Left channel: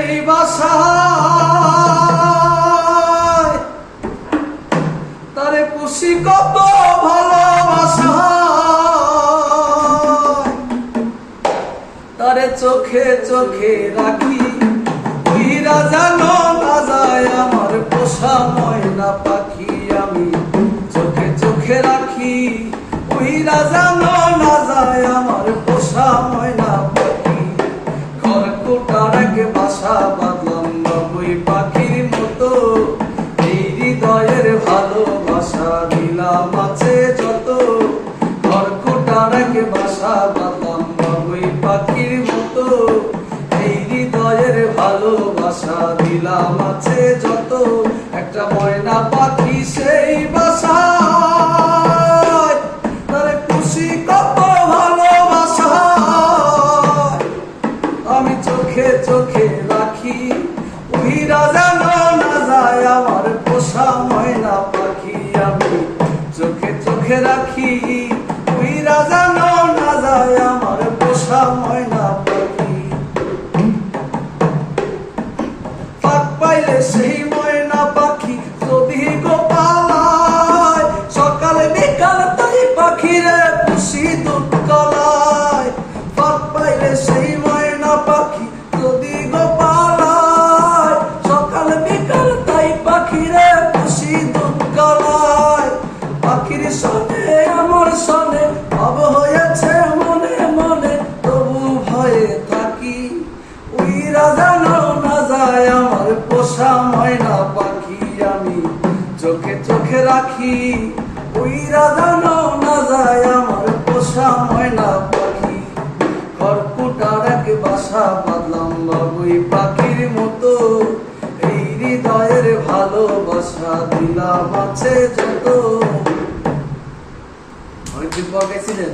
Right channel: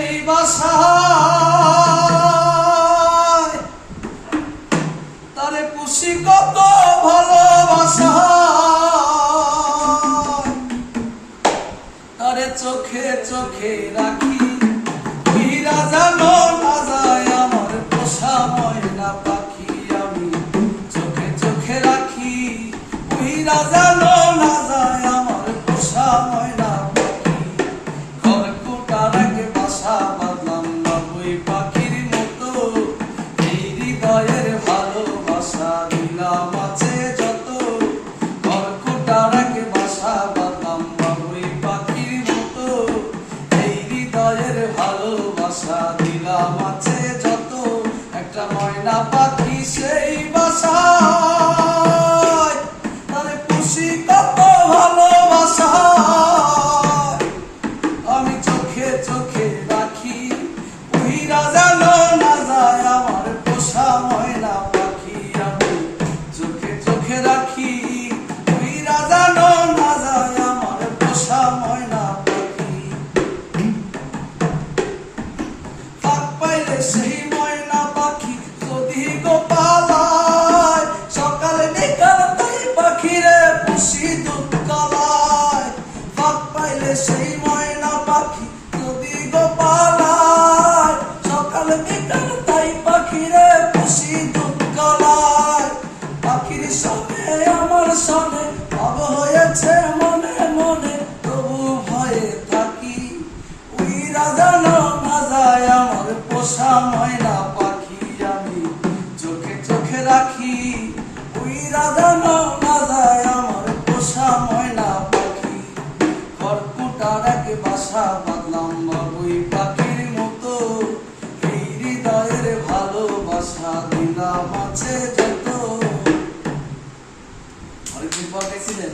এই বাসায় তারে পুষি কত ভালোবাসা, তারে চোখে চোখে রাখি, হীরা জানো না যায় আমার পোষা ময়না পাখি। আমি চোখে চোখে রাখি, হীরা জানো না যায় আমার পোষা ময়না পাখি। খড়কুটার এক বাসা বাঁধলাম বাবুই পাখির মতো, এই হৃদয়ের ভালোবাসা দিলাম আছে যত। খড়কুটার এক বাসা বাঁধলাম বাবুই পাখির মতো, এই হৃদয়ের ভালোবাসা দিলাম আছে যত। একটা ময়না পাখি সেই বাসায় তারে খুশি কত ভালোবাসা, আমি চোখে চোখে রাখি, হীরা জানো না যায় আমার পোষা ময়না পাখি। আমি চোখে চোখে রাখি, হীরা জানো না যায় আমার পোষা ময়না পাখি। ফাঁক পাইলে সেই ময়না পাখি যদি গো পালায়, সকালে বিকাল তাই পাখিরে পুষি দুধ কলায়। ফাঁক পাইলে সেই ময়না পাখি যদি গো পালায়, সকালে বিকাল তাই পাখিরে পুষি দুধ কলায়। পাখির সঙ্গে আমার সনে ভাব হয়েছে মনে মনে, তবু ভয়ে থাকি, হীরা জানো না যায় আমার পোষা ময়না পাখি। আমি চোখে চোখে রাখি, হীরা জানো না যায় আমার পোষা ময়না পাখি। খড়কুটার এক বাসা বাঁধলাম বাবুই পাখির মতো, এই হৃদয়ের ভালোবাসা দিলাম আছে যত। অনেকদিন পর গেছিলেন।